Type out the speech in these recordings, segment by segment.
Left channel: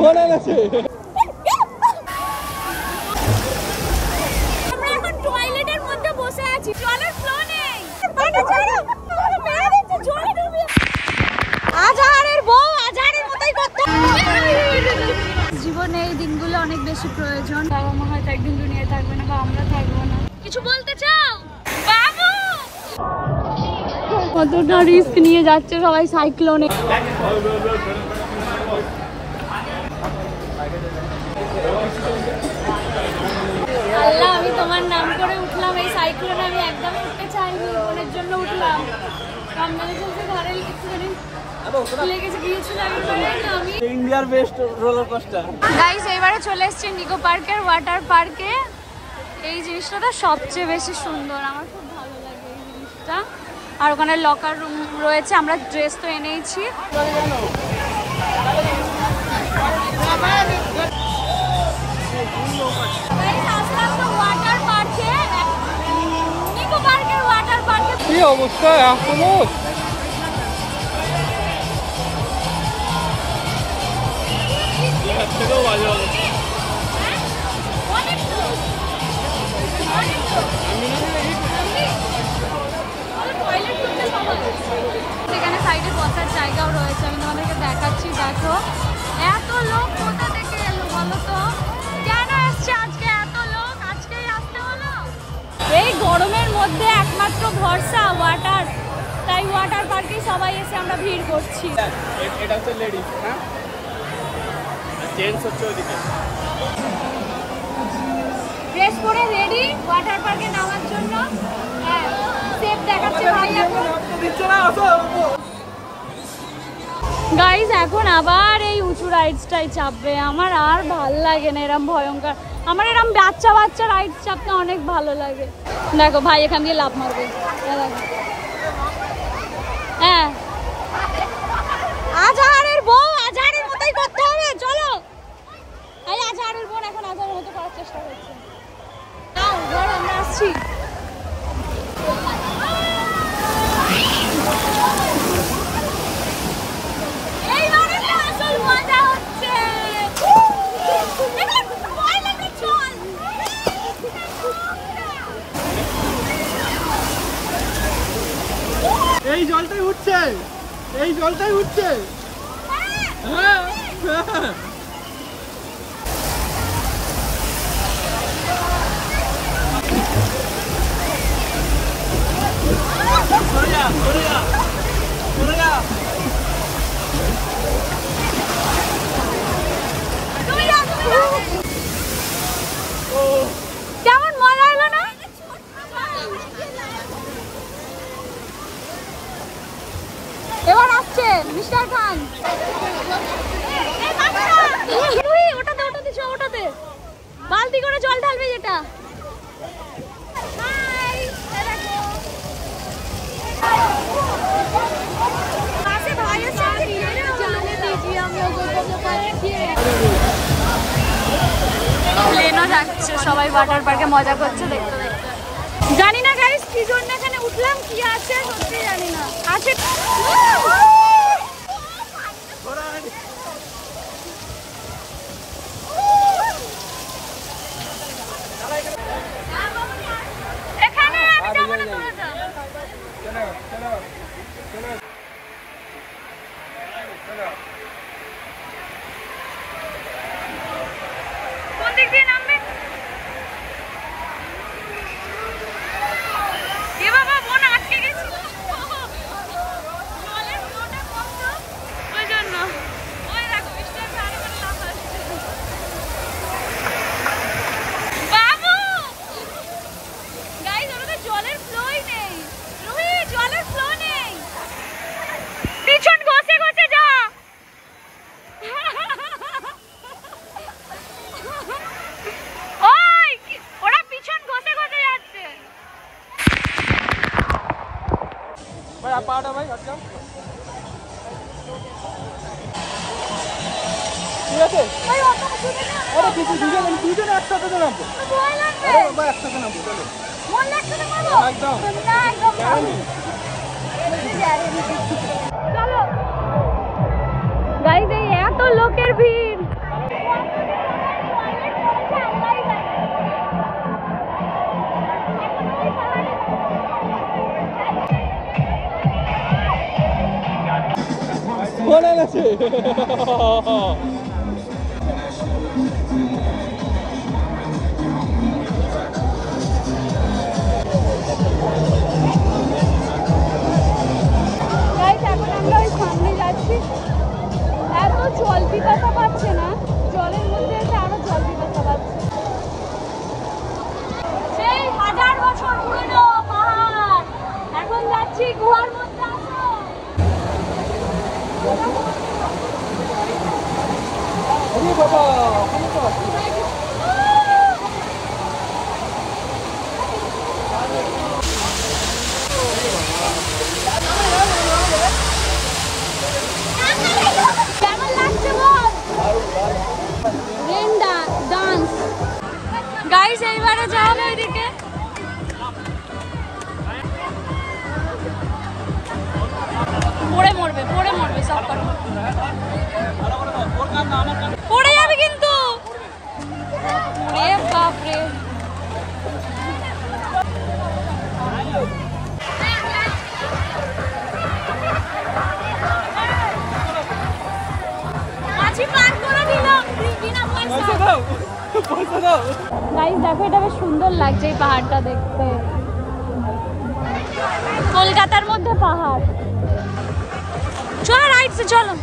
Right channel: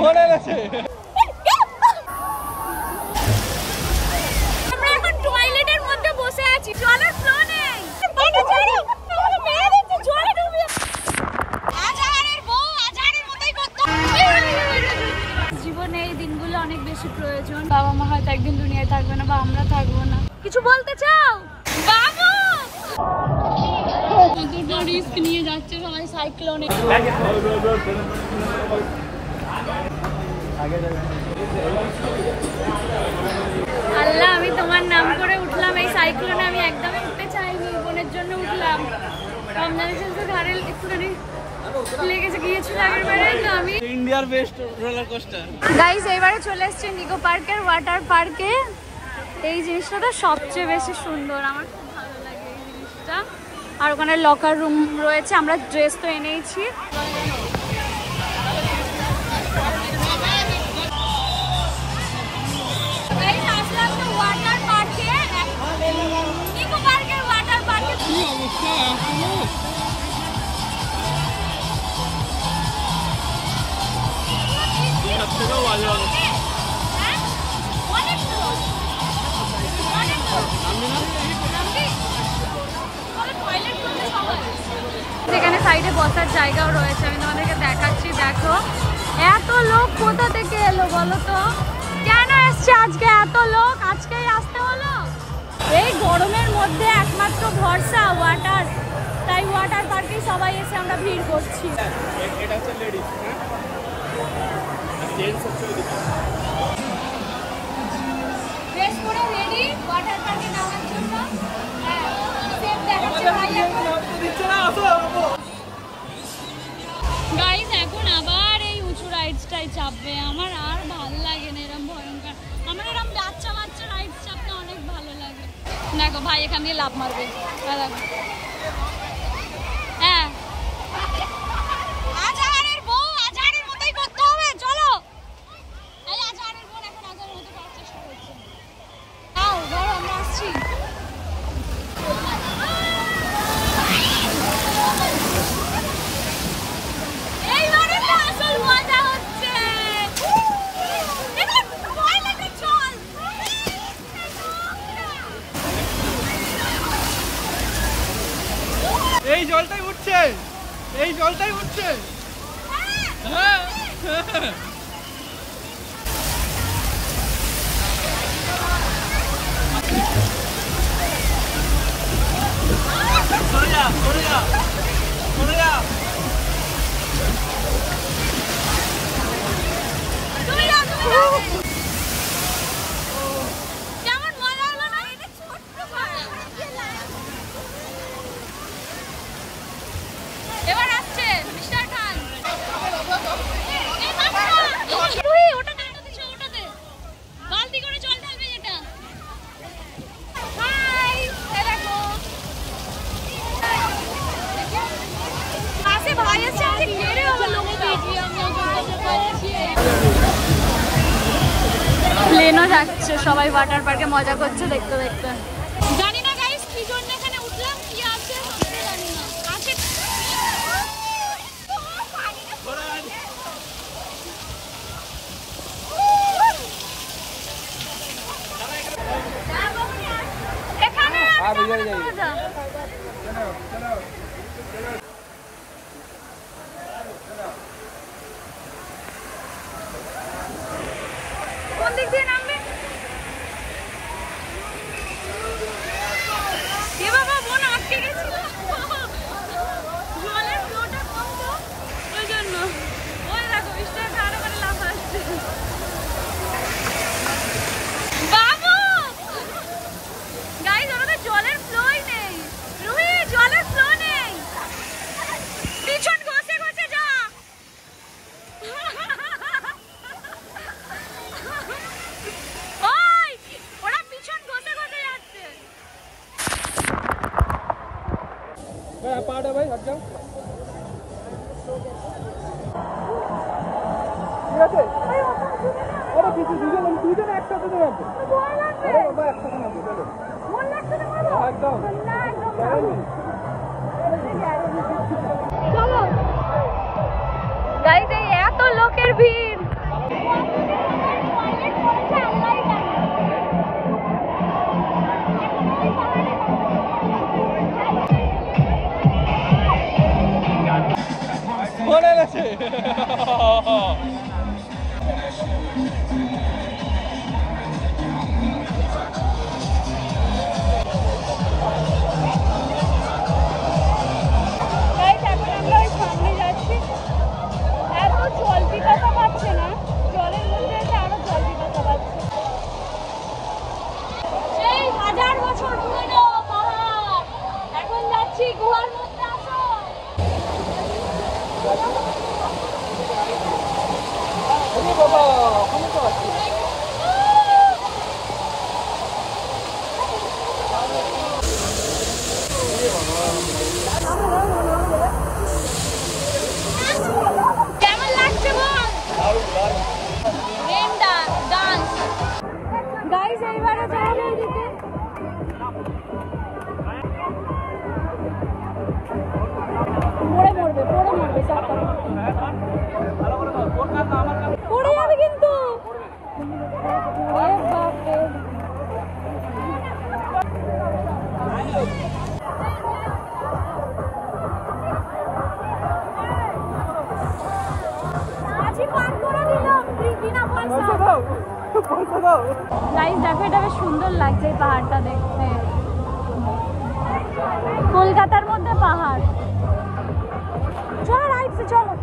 Phone এনেছে। আমরা এখন টয়লেটের মধ্যে বসে আছি, জলের ফ্লো নেই। আজহারের বউ আজহারের মতোই করতে। জীবনে এই দিনগুলো অনেক বেশি প্রয়োজন। বাবা মা হয়তো একদিন দুনিয়ায় থাকবে না বা আমরা থাকবো না। কিছু বলতে চাও বাবু? কতটা রিস্ক নিয়ে যাচ্ছে সবাই সাইক্লোনে। আল্লাহ, আমি তোমার নাম করে উঠলাম এই সাইক্লোনে। আমি একদমই উঠতে চাইনি, বোনের জন্য উঠলাম। রমজানে চলছে, ধারে একটুখানি লেগেছে গিয়েছিল আগের বারে। তো আমি ইন্ডিয়ার বেস্ট রোলার কোস্টার। গাইস এইবারে চলে এসেছি নিকো পার্কের ওয়াটার পার্কে। এই জিনিসটা তো সবচেয়ে বেশি সুন্দর, আমার খুব ভালো লাগে এই জিনিসটা। আর ওখানে লকার রুম রয়েছে, আমরা ড্রেস তো এনেইছি। ওয়াটার পার্কে, নিকো পার্কের ওয়াটার পার্কে কি অবস্থা এখন? থেকেও বাজে অবস্থা। যেখানে সাইডে বসার জায়গাও রয়েছে, আমি তোমাদেরকে দেখাচ্ছি। দেখো এত লোক কোথা থেকে এলো বলো তো? কেন আসছে আজকে এত লোক? আজকেই আসতে হলো? এই গরমের মধ্যে একমাত্র ভরসা ওয়াটার, তাই ওয়াটার পার্কে সবাই এসে আমরা ভিড় করছি। এটা হচ্ছে লেডিস, হ্যাঁ জেন্টস হচ্ছে ওইদিকে। ড্রেস পরে রেডি ওয়াটার পার্কে নামার জন্য। হ্যাঁ, সেফ দেখাচ্ছে ভাই এখন। গাইস এখন আবার এই উঁচু রাইডসটাই চাপবে। আমার আর ভাল লাগে না এরম ভয়ঙ্কর। আমার এরম বাচ্চা বাচ্চা রাইড চাপতে অনেক ভালো লাগে। দেখো ভাই এখান দিয়ে লাফ মারবে। হ্যাঁ, আজহারের বউ আজহারের মতোই করতে হবে। চলো, এই আজহারের বোন এখন আজহারের মতো করার চেষ্টা করছে। ধরো আমরা আসছি। এইবারে তো আসল মজা হচ্ছে। এই জলটাই উঠছে, এই জলটাই উঠছে। হ্যাঁ কেমন মজা হলো না? এবার আসছে মিস্টার খান। ওটাতে ওটাতে ওটাতে বালতি করে জল ঢালবে যেটা। হাই, দেখো পাশে ভাই আছে, ছেড়ে হবে লোকে। প্লেনও যাচ্ছে, সবাই ওয়াটার পার্কে মজা করছে দেখতে দেখতে। জানি না গাইস কি জন্য এখানে উঠলাম, কি আছে সত্যি জানি না। আছে এখানে মজা। কোন দিক দিয়ে নামবে? এ বাবা, বোন আটকে গেছিল। জলের ফ্লোটা কম তো, ওই জন্য। ওই দেখো মিস্টার খান ওখানে লাফাচ্ছে। বাবু গাইস, ওখানে জলের ফ্লোই নেই। রুহি, জলের ফ্লো নেই। পিছন ঘষে ঘষে যা। ওই ওরা পিছন ঘষে ঘষে যাচ্ছে। ভাই পাটা ভাই হাত যাও। ঠিক আছে, আরে কিছু দুজন একসাথে তো নামবো। ভয় লাগবে। ভাই একসাথে নামবো, চলো। মন লাগছে না করবো? একদম না, একদম না। চলো গাইস, এই এত লোকের ভিড় গেছে। জল পিপাসা পাচ্ছে না, জলের মধ্যে এসে আরো জল পিপাসা পাচ্ছে। সেই 1000 বছর পুরনো পাহাড়, এখন যাচ্ছি গুহার মধ্যে। আসো আরে বাবা, কেমন লাগছে বল? রেন ডান্স গাইস, এইবারে যাবে ওইদিকে। পড়ে মরবে সব করে, পড়ে যাবে কিন্তু। রে বাপরে, গাইস দেখো, এটা বেশ সুন্দর লাগছে এই পাহাড়টা দেখতে, কলকাতার মধ্যে পাহাড়। চলো রাইডসে চলো।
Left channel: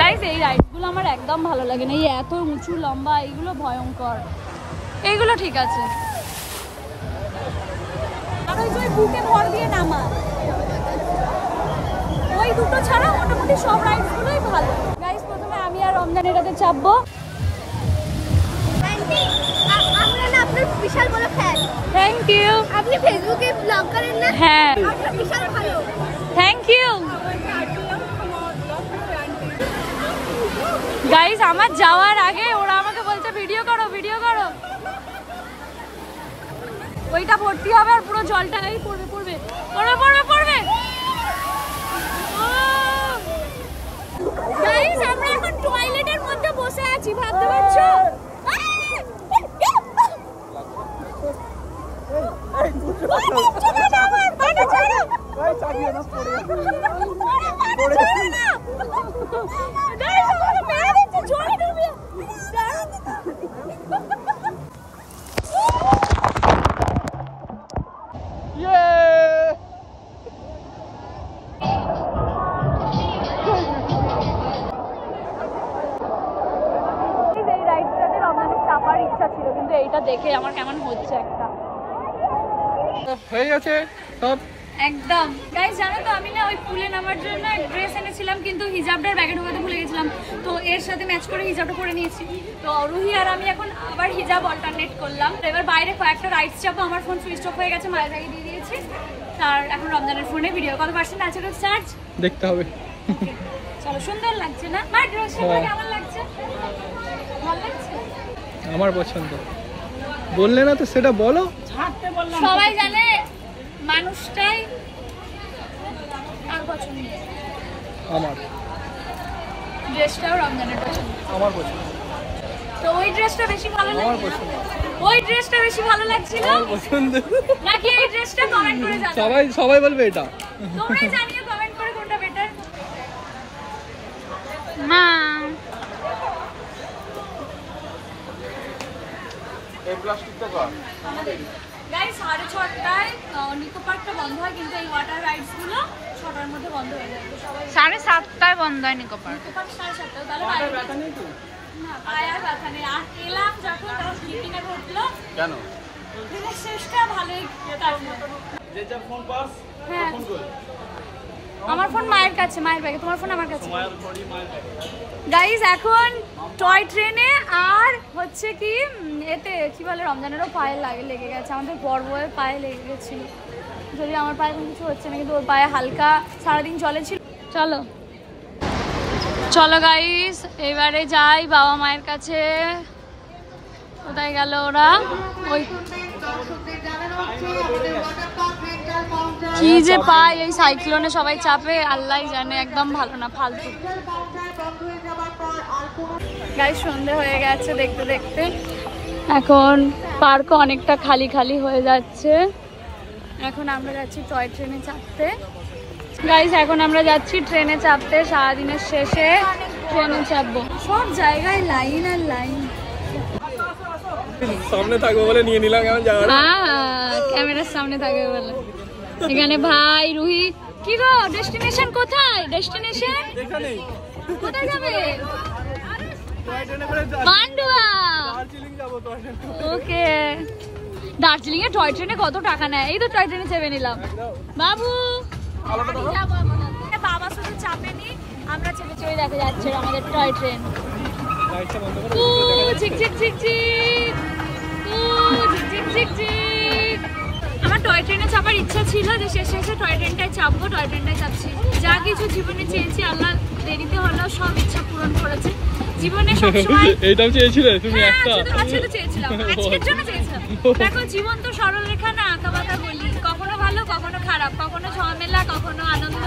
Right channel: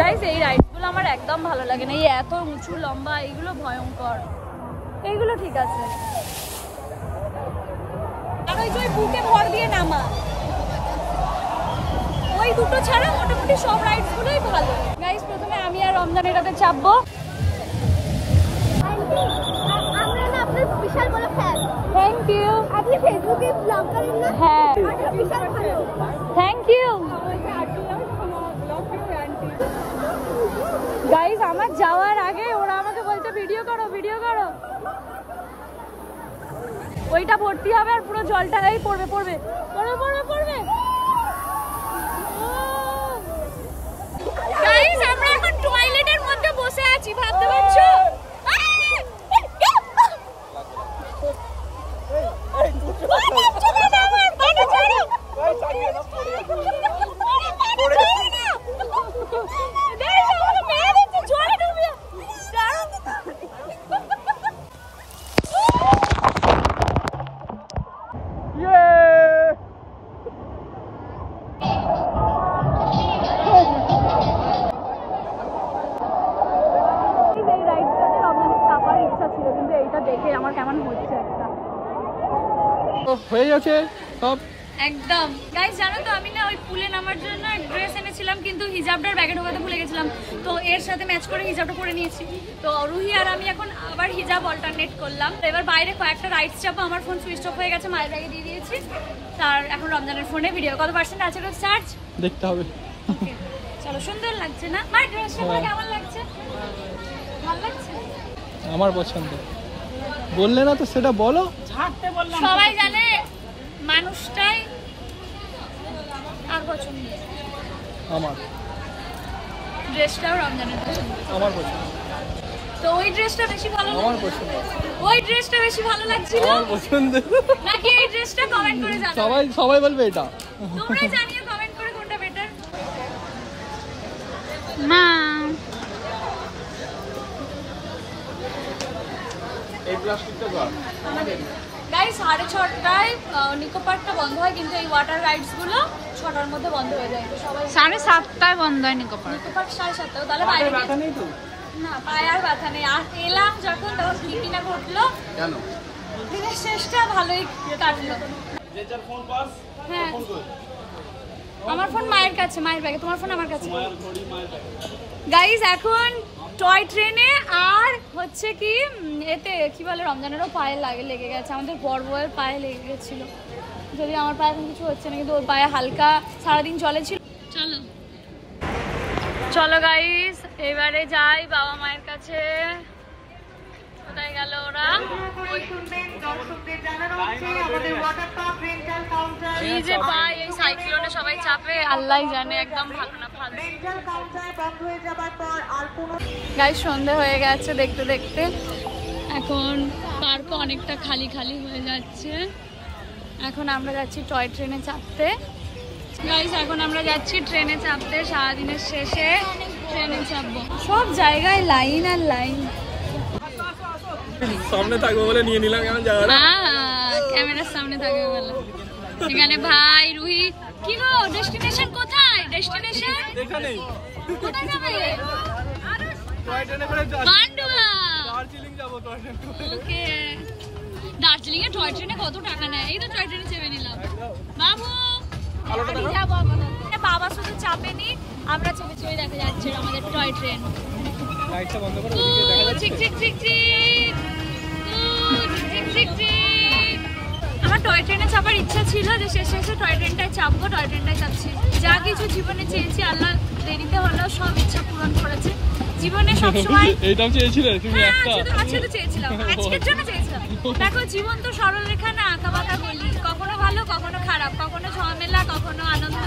গাইস এই রাইডসগুলো আমার একদম ভালো লাগে না, এই এত উঁচু লম্বা, এইগুলো ভয়ঙ্কর। এইগুলো ঠিক আছে, আর ওই যে বুকে ভর দিয়ে নামা, ওই দুটো ছাড়া মোটামুটি সব রাইডসগুলোই ভালো। গাইস প্রথমে আমি আর রমজান এটাতে চাপবো। আমরা না আপনার বিশাল বড় ফ্যান। Thank you. আপনি ফেসবুকে ব্লগ করেন না? হ্যাঁ, বিশাল ভালো। Thank you. গাইস আমার যাওয়ার আগে ওরা আমাকে বলছে ভিডিও করো। ওইটা ভর্তি হবে আর পুরো জলটা এই পড়বে। গাইস আমরা এখন টয়লেটের মধ্যে বসে আছি, ভাবতে পারছো? এইটা দেখে আমার কেমন হচ্ছে একটা হয়ে গেছে সব একদম। গাইস জানো তো, আমি না ওই পুলে নামার জন্য ড্রেস এনেছিলাম, কিন্তু হিজাবটার ব্যাগে ঢোকাতে ভুলে গেছিলাম, তো এর সাথে ম্যাচ করে হিজাবটা পরে নিয়েছি। তো রুহি আর আমি এখন আবার হিজাব অল্টারনেট করলাম। এবার বাইরে কয়েকটা রাইডস যাবো, আমার ফোন সুইচ অফ হয়ে গেছে, মায়ের ব্যাগে দিয়ে দিয়েছি। তার এখন রমজানের ফোনে ভিডিও কত পার্সেন্ট আছে ওটা চার্জ দেখতে হবে। চলো, সুন্দর লাগছে না মায়ের ড্রেসটা? কেমন লাগছে? ভালো লাগছে? আমার পছন্দ। বললে না তো সেটা বলো। সবাই জানে মানুষটাই আর পছন্দ। আমার ড্রেসটাও রমজানের পছন্দ। আমার পছন্দ। তো ওই ড্রেসটা বেশি ভালো আমার লাগছে? পছন্দ। ওই ড্রেসটা বেশি ভালো লাগছিল আমার পছন্দ। নাকি এই ড্রেসটা? কমেন্ট করে জানাও। সবাই বলবে এটা। তোমরাই জানিও কমেন্ট করে কোনটা বেটার। মা আমাদের গাইস 6:30টায় নিকো পার্কটা বন্ধ হয়, কিন্তু এই ওয়াটার রাইডস গুলো 6টার মধ্যে বন্ধ হয়ে যায়। তো সবাই 7:30টায় বন্ধ হয় নিকো পার্ক। নিকো পার্ক 7:30টায়, তাহলে বাইরে না পায়ে আর ব্যথা নেই। আর এলাম যখন তখন স্লিপিনা ঘটলো, কেন? দিনের শেষটা ভালোই কাটলো। হ্যাঁ, আমার ফোন মায়ের কাছে, মায়ের ব্যাগে। তোমার ফোন আমার কাছে। গাইস এখন টয় ট্রেনে আর হচ্ছে কি এতে কি বলে, রমজানেরও পায়ে লেগে গেছে। আমাদের বড় বউয়ের পায়ে লেগে গেছিল, যদি আমার পায়ে এখন কিছু হচ্ছে না, কিন্তু ওর পায়ে হালকা সারাদিন চলেছিল। চলো গাইস এবারে যাই বাবা মায়ের কাছে। কোথায় গেল ওরা? ওই কি যে পায় এই সাইক্লোনে সবাই চাপে, আল্লাহ জানে, একদম ভালো না, ফালতু। গাইস সন্ধে হয়ে গেছে দেখতে দেখতে, এখন পার্ক অনেকটা খালি খালি হয়ে যাচ্ছে। এখন আমরা যাচ্ছি টয় ট্রেনে চাপতে। গাইস এখন আমরা যাচ্ছি ট্রেনে চাপতে, সারাদিনের শেষে ট্রেনে চাপবো। সব জায়গায় লাইন আর লাইন। সামনে থাকবো বলে নিয়ে নিলাম কেমন জায়গাটা। ক্যামেরার সামনে থাকবে বলে। এখানে ভাই রুহি, কি গো ডেস্টিনেশন কোথায়? ডেস্টিনেশন এখানেই। কোথায় যাবে? টয় ট্রেনে করে পান্ডুয়া। দার্জিলিং যাবো টয় ট্রেনে। ওকে, দার্জিলিং এ টয় ট্রেনে কত টাকা নেয়? এই তো টয় ট্রেনে চেপে নিলাম। বাবু বাবা শুধু চাপেনি, আমরা চেপে চেপে দেখে যাচ্ছে আমাদের টয় ট্রেন। লাইটটা বন্ধ করে চিক চিক চিক চিক চিক চিক চিক। আমার টয় ট্রেনে চাপার ইচ্ছা ছিল যে শেষে শেষে টয় ট্রেনটায় চাপবো, টয় ট্রেনটায় চাপছি। যা কিছু জীবনে চেয়েছি আল্লাহ দেরিতে হলেও সব ইচ্ছা পূরণ করেছে। জীবনে সবসময় এইটাও চেয়েছিলে তুমি একটা? শুধু চেয়েছিলাম, আজকের জন্য চেয়েছিলাম। দেখো জীবন তো সরল রেখা না, আঁকা বাঁকা গলি, কখনো ভালো কখনো খারাপ, কখনো ঝামেলা কখনো আনন্দ,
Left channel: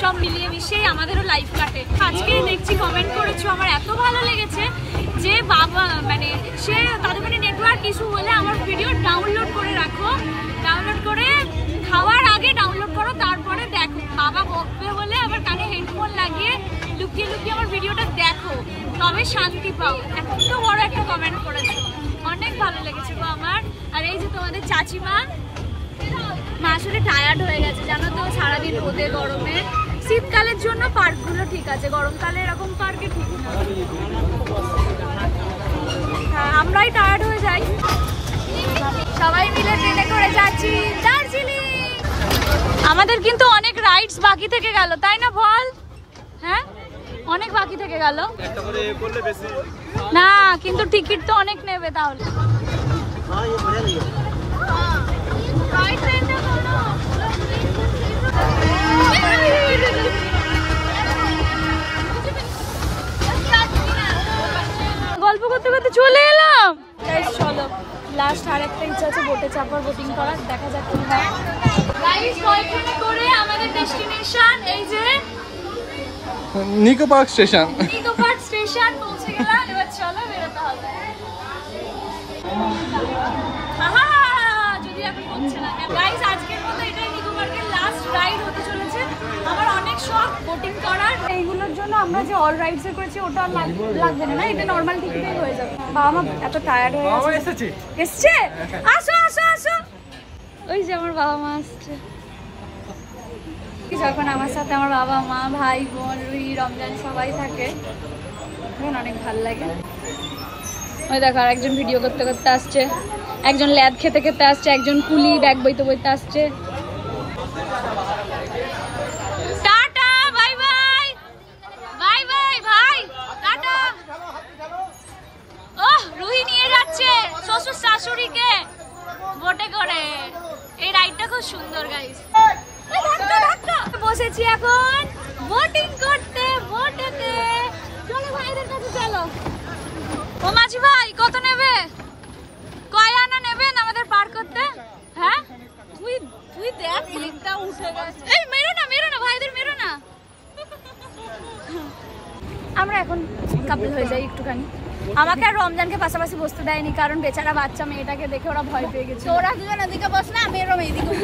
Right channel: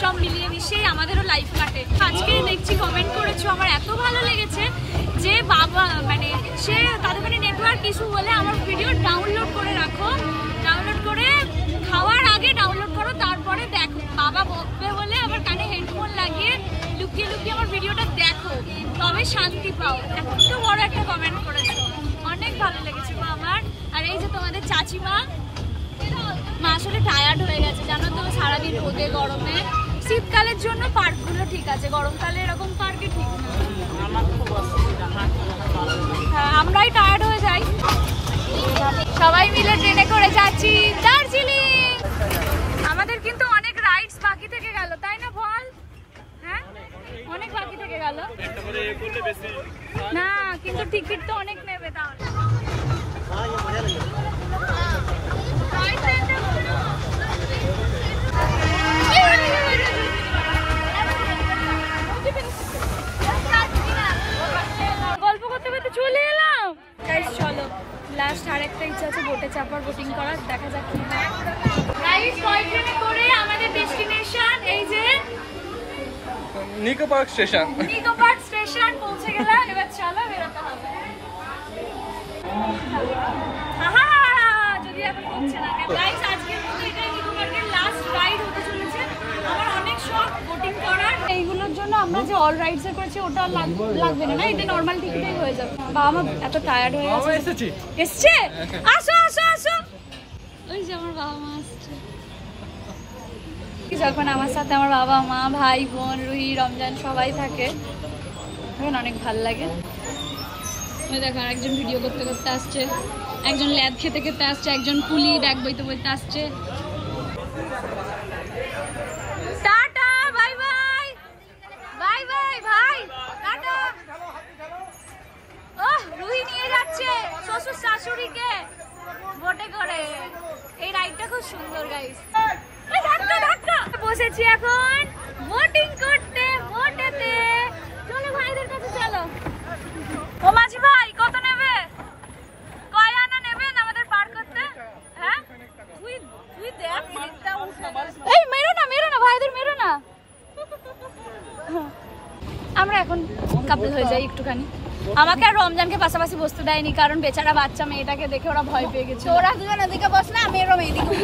সব মিলিয়ে মিশিয়ে আমাদেরও লাইফ কাটে। আজকে দেখছি কমেন্ট করেছো, আমার এত ভালো লেগেছে যে বাবা মানে সে তাদের মানে নেটওয়ার্ক কিছু বলে আমার ভিডিও ডাউনলোড করে রাখো, ডাউনলোড করে খাওয়ার আগে ডাউনলোড করো, তারপরে দেখো। বাবা বকবে বলে আবার কানে হেডফোন লাগিয়ে লুকিয়ে লুকিয়ে আমার ভিডিওটা দেখো, তবে শান্তি পাও। এত বড় একটা কমেন্ট করেছো, অনেক ভালো লেগেছে গো আমার। আর এই যে তোমাদের চাচিমা, মা আসলে টায়ার্ড হয়ে গেছে জানো তো, সারাদিন রোদে গরমে। শীতকালের জন্য পার্কগুলো ঠিক আছে, গরমকালে এরকম পার্কে ঠিক না। হ্যাঁ আমরাই টায়ার্ড হয়ে যাই। সবাই মিলে ট্রেনে করে যাচ্ছি দার্জিলিং। আমাদের কিন্তু অনেক রাইডস বাকি থেকে গেল, তাই না বল? হ্যাঁ অনেক বাকি থেকে গেল। একটা করে বললে বেশি না কিন্তু টিকিট তো অনেক নেবে তাহলে। গল্প করতে করতে চলে এলাম। চলো লাস্ট আর একটা ইচ্ছা আছে বোটে চাপার, বোটিং করার, দেখা যাক কি হয়। গাইস টয় ট্রেনে করে আমাদের ডেস্টিনেশন এই যে নিকো পার্ক স্টেশন। নিকো পার্ক স্টেশন পৌঁছে গেলাম। এবার চলো বেরোতে হবে। আহা যদি এখন হচ্ছে না গাইস, আজকের মতো এটা নিকো পার্কের লাস্ট রাইড হতে চলেছে। আমার অনেক শখ বোটিং করার, এইগুলোর জন্য আমরা যে অল রাইডস এ করেছি ওটা লাগবে না, এটা নরমাল টিকিটেই হয়ে যাবে। বাবা মা এত টায়ার্ড হয়ে গেছে। এসছে? আসো আসো আসো। ওই যে আমার বাবা মা আসছে। যখন আমার সাথে আমার বাবা মা ভাই বোন রুহি রমজান সবাই থাকে তখন অনেক ভালো লাগে। ওই দেখো আর একজন ভিডিও করতে করতে আসছে, একজন ল্যাদ খেতে খেতে আসছে, একজন কুলি ব্যাগ বইতে বইতে আসছে। Tata bye bye bye bye ভাই টাটা। ওহ রুহি নিয়ে যাচ্ছে শ্বশুর শাশুড়িকে বোটে করে। এই রাইডটা খুব সুন্দর গাইস। বসেছি এখন বোটিং করতে বোটেতে। চলো ভাইদের কাছে চলো। ও মাঝি ভাই কত নেবে? কয় আনা নেবেন আমাদের পার করতে? হ্যাঁ তুই তুই দেখ লিংকটা উঠে গেছে। এই মেরো না ভাইদের মেরো না। আমরা এখন কাপল হয়ে যাই একটুখানি। আমাকে আর রমজানকে পাশাপাশি বসতে দেয়নি, কারণ বেচারা বাচ্চা মেয়েটাকে দেখে ওরা ভয় পেয়ে গেছে। ওরা দুজন এদিকে বস না, আমি এরম এইদিকে।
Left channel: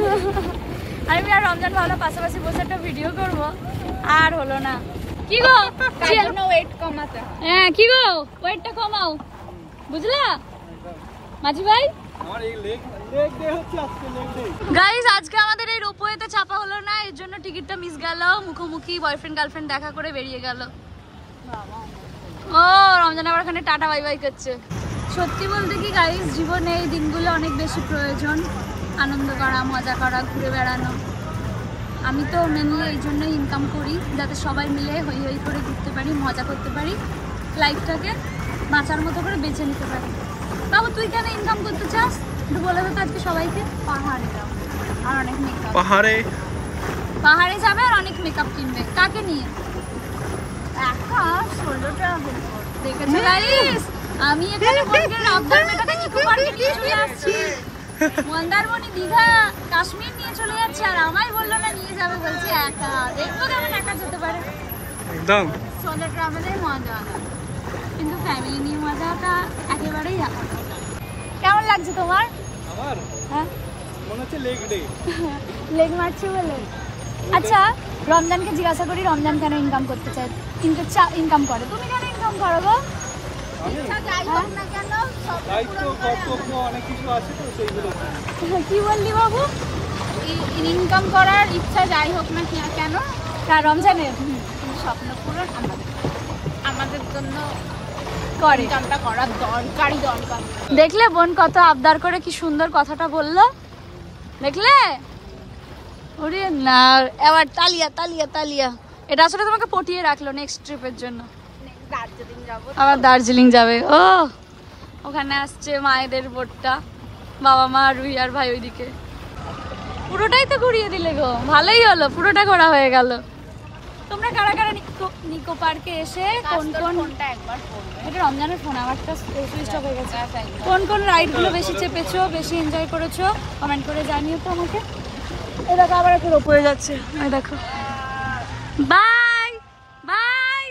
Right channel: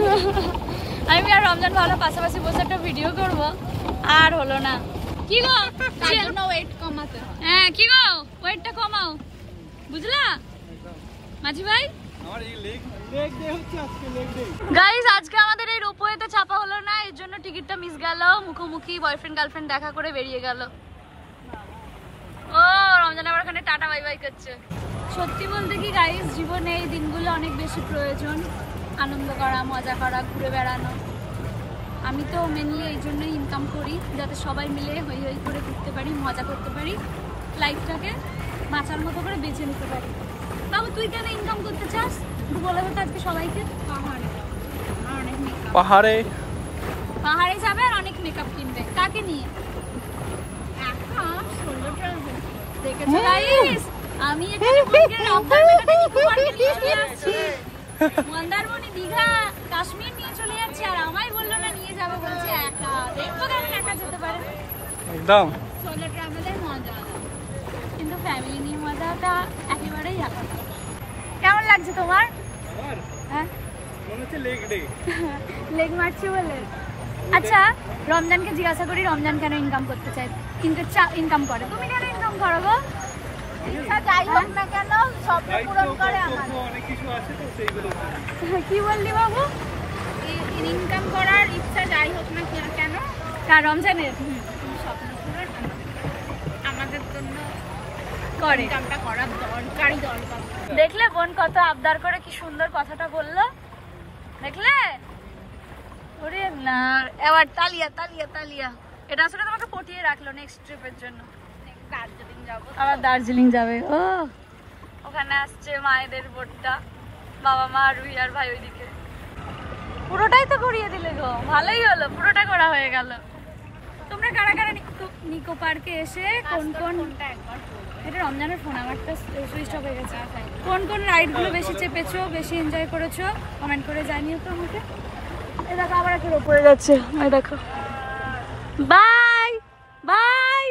আমি আর রমজান ভাবলাম পাশাপাশি বসে একটা ভিডিও করবো, আর হলো না। কি গো ওয়েট কমাতে? হ্যাঁ কি গো ওয়েটটা কমাও, বুঝলা মাঝি ভাই? গাইস আজকে আমাদের এই রোপওয়েতে চাপা হলো না, এর জন্য টিকিটটা মিস গেল। মুখোমুখি বয়ফ্রেন্ড গার্লফ্রেন্ড দেখা করে বেরিয়ে গেল। ও রমজান আবার ওখানে টাটা বাই বাই করছে। সত্যি বলতে কি গাইস, জীবনে এই দিনগুলো অনেক বেশি প্রয়োজন। আনন্দ করা, মজা করা, ঘুরে বেড়ানো। আমি তো মেনলি এই জন্যই ইনকাম করি, যাতে সবাই মিলে হই হই করে ঘুরতে পারি, মজা করতে পারি, লাইফটাকে বাঁচার মতো করে বেছে নিতে পারি। বাবু তুই কেন ইনকাম করতে চাস একটু বলে তো আজকে সবাইকে। পাহাড়ে আর অনেক মেকআপ, পাহাড়ে যাবে আর অনেক মেকআপ কিনবে। কাকে নিয়ে? একা ষোলোটা দেখেছো গাইস, আমি এখানে নিয়ে চলে আসছি। মন্দারমণি, দীঘা, কাশ্মীর নিয়ে চলে যাচ্ছে, আর আমায় বললো না নিয়ে যাবে, বলছে একা। দেখবো কেমন একা যেতে পারে। একদম সোলো ট্রাভেলের মজা, কিন্তু ফ্যামিলি নিয়ে মজাটা একেবারেই আলাদা। কেমন লাগছে তোমার? আমার হ্যাঁ মনে হচ্ছে লেগ ডে। লেগ মারছে বলে আচ্ছা রমজানকে জিজ্ঞাসা করি রমজান কেন ইনকাম করতে চায়, ইনকাম করে, তুমি কেন ইনকাম করো গো? কি বললি বাবু? ইনকাম করার ইচ্ছা যাই হোক না কেন, কার রমজানে স্বপ্ন পূরণ আমাদের জন্য করে। ইনকামটা করার দরকার। দেখলে বোন কত আবদার করে কি সুন্দর কথাটা বললো, দেখলে? ওরে না, এবার তালিয়া তালিয়া তালিয়া। এটা আসলে তোমাকে পটিয়ে রাখলো নেক্সট ট্রিপের জন্য। দার্জিলিং যাবো, আবার দার্জিলিং যাবে। ও ওখানে আসছে মায়েদের বোটটা, বাবা মা রুহি আর ভাই ওইদিকে। পুরোটাই তো ঘুরিয়ে দিলে গো, ভালোই হলো, পুরোটা ঘোরা হয়ে গেল। তোমরা কারা কারা নিকো পার্কে এসে কোন কোন, এটা রমজানের ফোন, আমারটা সুইচ অফ হয়ে গেছে, কোন কোন রাইডগুলো বেশি চেপেছো, বেশি এনজয় করেছো কমেন্ট করে জানিও তো আমাকে। এই দেখো আবার একটা রোপ হয়ে যাচ্ছে, এই দেখো। Bye bye.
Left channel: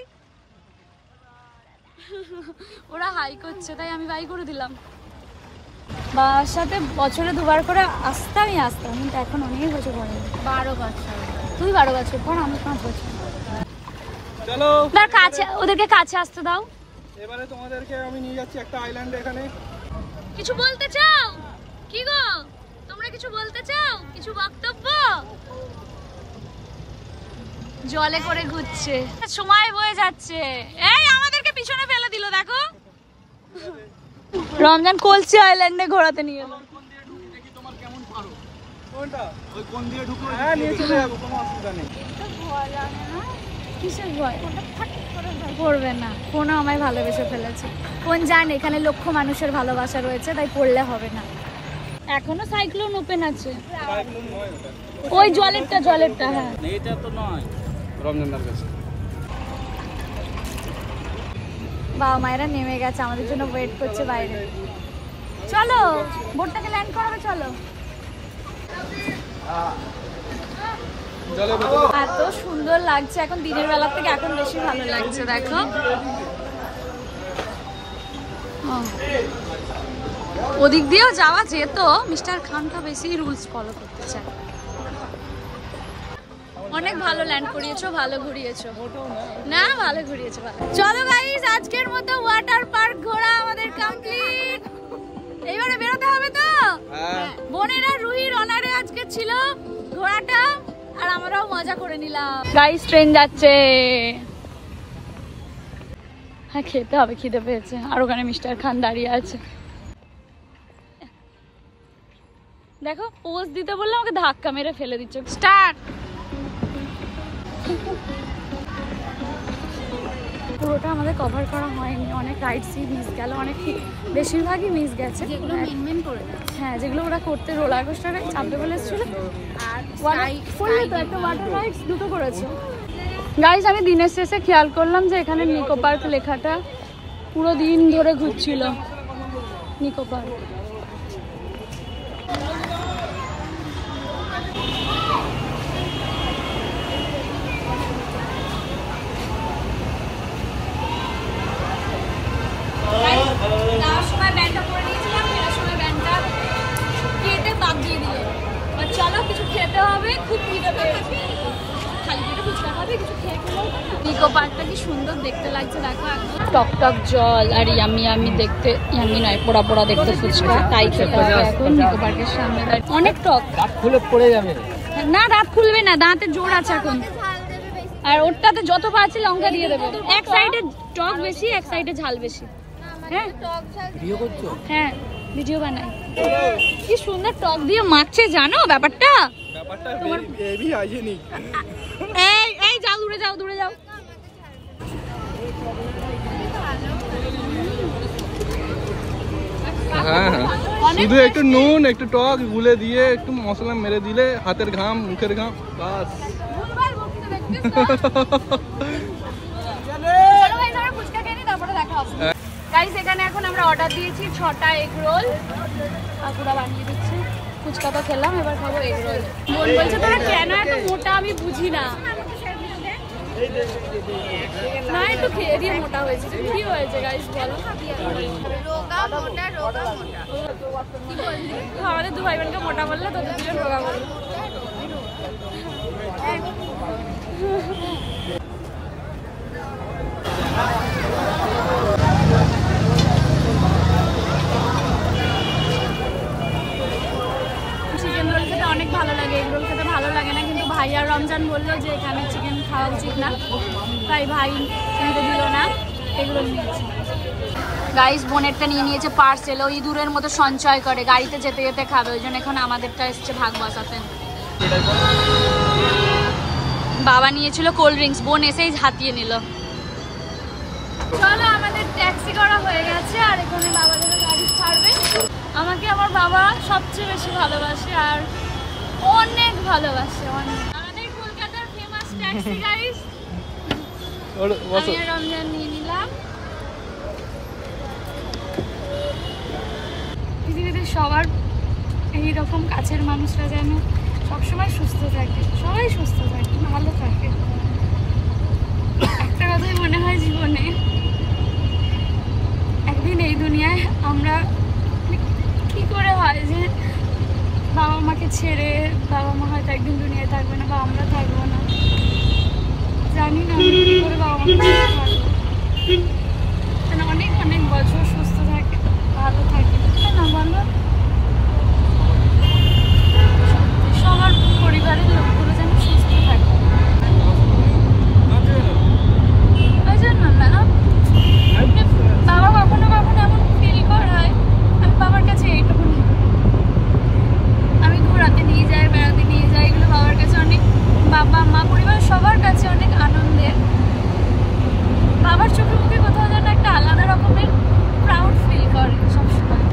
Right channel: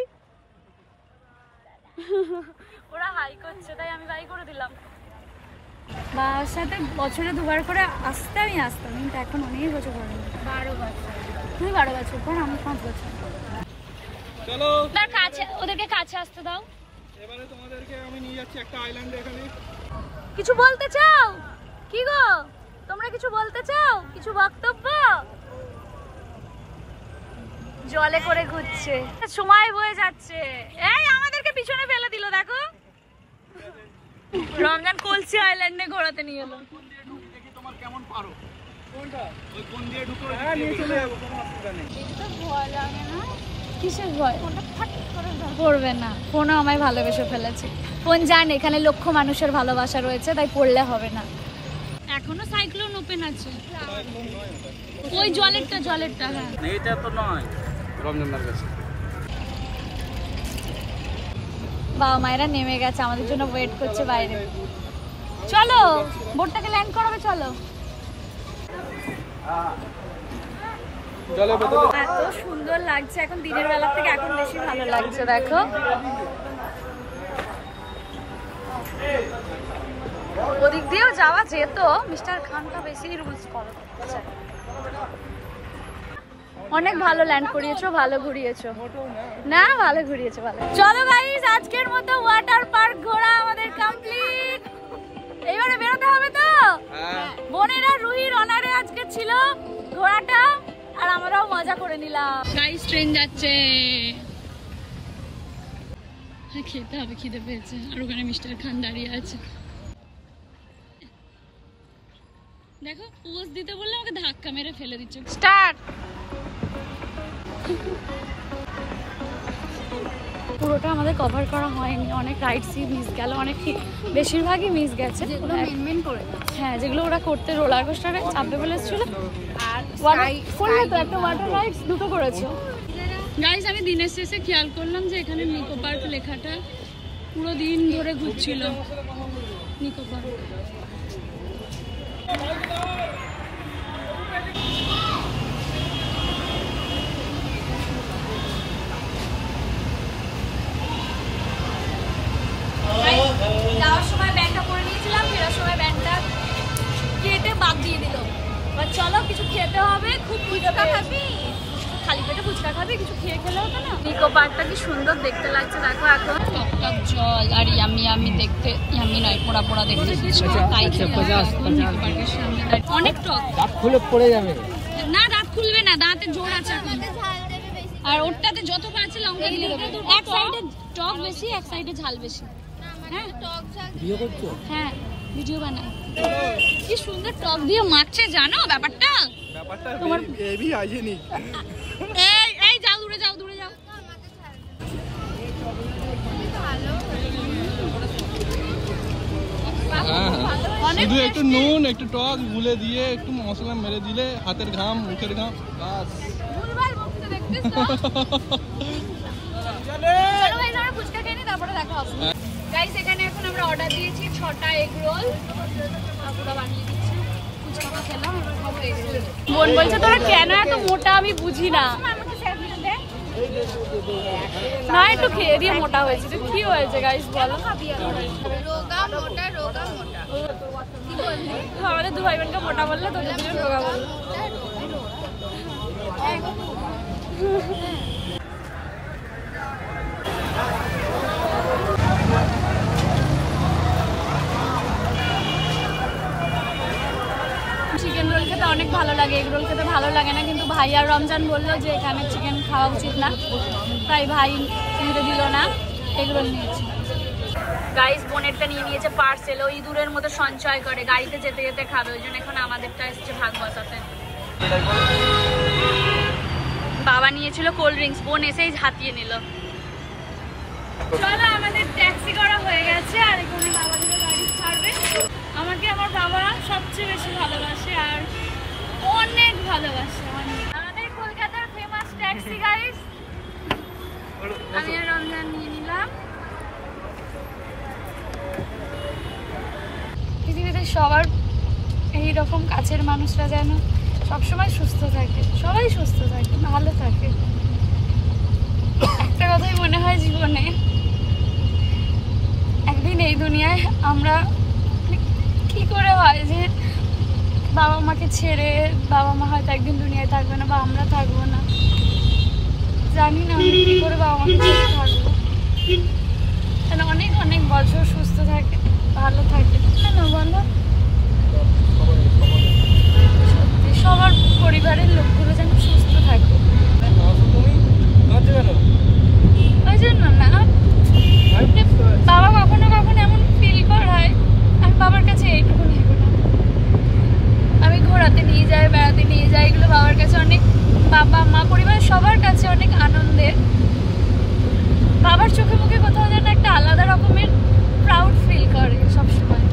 ওরা হাই করছে তাই আমি বাই করে দিলাম। বাবার সাথে বছরে 2বার করে আসতামই আসতাম, কিন্তু এখন অনেক বছর পরে। 12 বছর। তুই 12 বছর পর, আমি 5 বছর। চলো তার কাছে, ওদেরকে কাছে আসতে দাও। এবারে তোমাদেরকে আমি নিয়ে যাচ্ছি একটা আইল্যান্ডে। এখানে কিছু বলতে চাও কি গো? তোমরা কিছু বলতে চাও, কিছু বক্তব্য? জলে করে ঘুরছে, সময় বয়ে যাচ্ছে। এই আমাদেরকে পিছনে ফেলে দিল, দেখো। রমজান কলসি আইল্যান্ডে ঘোরাতে নিয়ে এলো। তোমার কেমন পারো কোনটা, ওই কোন দিয়ে ঢুকে হ্যাঁ নিয়ে চলে যাবো, কোনো অসুবিধা নেই। তো ভয় লাগে না? কিসের ভয়? ফোনটা ফাট করে পড়বে না, ফোনও আমায় ভালোবেসে ফেলেছে। ফোন জানে এখানে লক্ষ মানুষের ভালোবাসা রয়েছে, তাই পড়লে হবে না। এখনো সাইক্লোন ওপেন আছে, ওই জলেরটা হ্যাঁ। এটা তো নয় রমজানদার কাছে। বাবা মায়েরা নেমে গেছে, আমাদের জন্য ওয়েট করছে বাইরে। চলো বোটটাকে ল্যান্ড করাবে, চলো। এত সুন্দর লাগছে এখন, দিনের বেলা থেকে এখন বেশি ভালো লাগছে, দেখো। ওদিক দিয়েও যাওয়া যেত, মিস্টার খানটা বেশি রুলস ফলো করতে চায়। অনেক ভালো ল্যান্ড করিয়েছো, ভালো ঘুরিয়েছো। না ভালো ঘুরিয়েছো, ভালো। চলো গাইস, আজকের মতো ওয়াটার পার্ক ঘোরা আমাদের কমপ্লিট। এইবারে বেরোতে হবে তো। বোনেরা রুহির অনারে আজকে ছিল ঘোরাটা, আর আমরাও মজা করে নিলাম। গাইস ট্রেন যাচ্ছে, হ্যাঁ খেতে হবে, খিদে পেয়েছে। আর ওখানে মিস্টার খান দাঁড়িয়ে আছে, দেখো পোজ দিতে বললে আমাকে ধাক্কা মেরে ফেলে দিচ্ছ। স্টার্ট। পুরোটা আমাদের কভার করা হয়নি, অনেক রাইডসই মিস গেল, অনেক বেশিরভাগই মিস গেছে, যেগুলো মেন করে। হ্যাঁ যেগুলো ওরা করতে রোলার কোস্টারে চাপবে বলেছিল, আর করলে তো একটা ওয়াটার রাইডস দুটো করেছে। গাইস আমি দিনের শেষে খেয়াল করলাম যে এখানে নিকো পার্ক লেখাটা পুরো দিন ধরে ঘুরছিল, নিকো পার্ক। যাওয়ার সময় ব্যাগটা পরে নিয়েছিলাম, ফেরার সময় ব্যাগটা কেটে বাদ দিয়ে দিল। চলো কিছু খেতে হবে, খুব ফুচকা খাবি, খালি পেটে ফুচকা খাবি, কিছু খেয়ে খেলেও তো না। নিকো পার্কটা কি সুন্দর দেখতে লাগছে দেখো এখন, টক টক জল আর ইয়ামি ইয়ামি দেখতে, ইয়ামি নয় পোড়া পোড়া দেখতে ফুচকা, তাই খেতে হবে এখন নিকো পার্কের সামনে। অনেক টক, দাঁত খুলে পড়ে যাবে না, দাঁত খুলবে না, দাঁতে জোর আছে এখন। আর ওরটাতে যত পারছি লঙ্কা দিয়ে দেবে, এক সাইডে টক বেশি, এক সাইডে ঝাল বেশি। হ্যাঁ ভিডিও করছো? হ্যাঁ ভিডিও বানাই। কি সুন্দর টক দিয়ে মাখছে জানো ব্যাপারটা, তোমার বেবি আইজেনি। এই এই যাও দূরে যাও, দূরে যাও। শুধু একটু নুন একটু টক গুলে দিয়ে একটু মশলা মেরে দিলে, হাতের ঘাম মুখের ঘাম বাস। গাইস এখানে এখন আমরা অর্ডার দিয়েছি 6টা এগ রোল, কাকুরা বানিয়ে দিচ্ছে। ফুচকা তো খেলাম, এবার খাবো এগ রোল। বোন বলছে তোরা কেন এত মোটা, আমি বুঝি না। না একটু খেয়ে দিয়ে মোটা হয়েছে, কি হয়েছে গাইস বলো? রোগা মোটা রোগা মোটা কি বললি? আমাদের দু ভাই বোনকে মোটা বললে, তোদের দুজন রোগা বললো। চিকেন রোল খেতে অনেক ভালো লাগে, এগ রোল খেতে ভালো লাগে না, কিন্তু ভাই আর রমজান বললো যে এখানে চিকেন খাওয়া উচিত না, তাই ভাই নিতে দিল না, এগ রোল নিয়েছি। গাইস বোনেরটা নিয়ে নিয়েছে পার্সেল, ওই দূরের মতো সঞ্চয় করে গাড়িতে যেতে যেতে খাবে, ওই জন্য এখন আমাদেরটা এসছে ভাগ বসাতে। বাবা নিয়েছিল কোল্ড ড্রিঙ্কস, বোন এসেই হাতিয়ে নিল। চলো আমাদের ট্যাক্সি করা হয়ে গেছে, আর এখানে বাবাদের গাড়ি ছাড়বে। আমাকে আমার বাবা সবচেয়ে বেশি ভালোবাসে আর অনেক ভালোবাসে, অনেক। আমাদের কলকাতার ফেমাস ট্যাক্সি গাইস, আমি আর রমজান নিয়ে নিলাম। পৃথিবীতে সবার এইরকম কাছের মানুষরা যেন সবসময় সুস্থ থাকে, সবাই সুস্থ থাকে, ভালো থাকে। একটা কথাই মনে হয় জীবনে, একদিন এই দুনিয়ায় আমরা কি করে হয় যে বাবা মাকে ছেড়ে, বাবা মা হয়তো একদিন দুনিয়ায় থাকবে না বা আমরা থাকবো না, জানি না আমি কি করে বাবা মাকে ছেড়ে থাকবো। অনেক অনেক বছর সুস্থ থাকে, ভালো থাকে না বলো? সবার পরিবারের লোকগুলো যেন সুস্থ থাকে, ওই জন্য না বাবা কখনো কখনো এমন ফিল করায়। আমি বাবার কাছে এইটুকু নিয়ে, আমি ঘোরাতে নিয়ে যাই, বেড়াতে নিয়ে যাই, এগুলো বাবার কাছে অনেক, বাবা মা পরিবার সবার কাছে অনেক আনন্দের। বাবার চোখে মুখে কোথাও যেন একটা আলাদা রকমের প্রাউড ফিল করে সবসময়।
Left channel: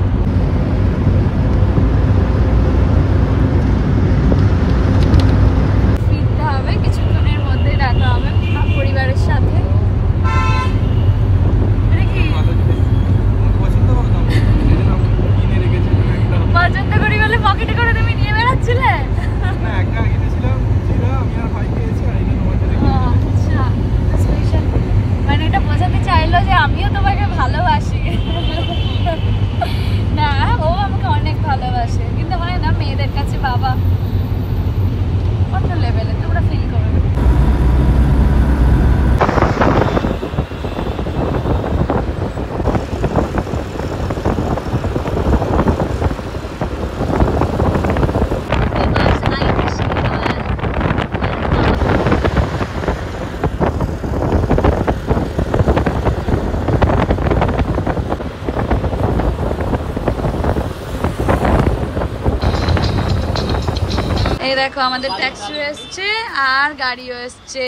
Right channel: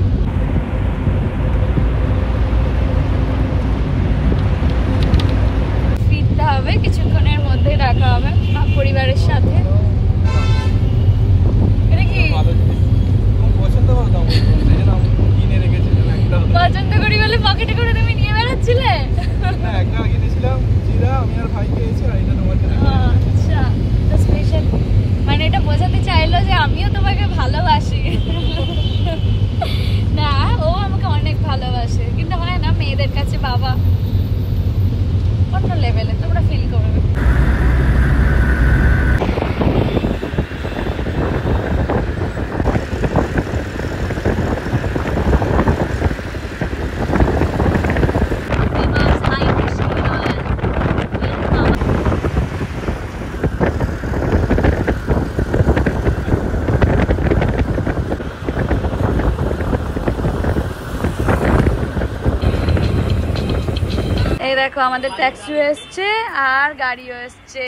ফিরতে হবে, কিছুক্ষণের মধ্যে দেখা হবে পরিবারের সাথে। পছন্দ করি বলে পকেটে করে তুমি নিয়ে বেড়াচ্ছিলে? আচ্ছা, স্পেশাল মানে এটা বোঝাতে চাইলো যে আমিও তোমাকে ভালোবাসি। না, ও আমাকে অনেক ভালোবাসে, কিন্তু হয় না মেয়েদের কাছে বাবা কত লেভেলে, তোমরা ফিল করবে। এই দেখো আমাদের ট্যাক্সিও এসছে আর গাড়িও এসছে।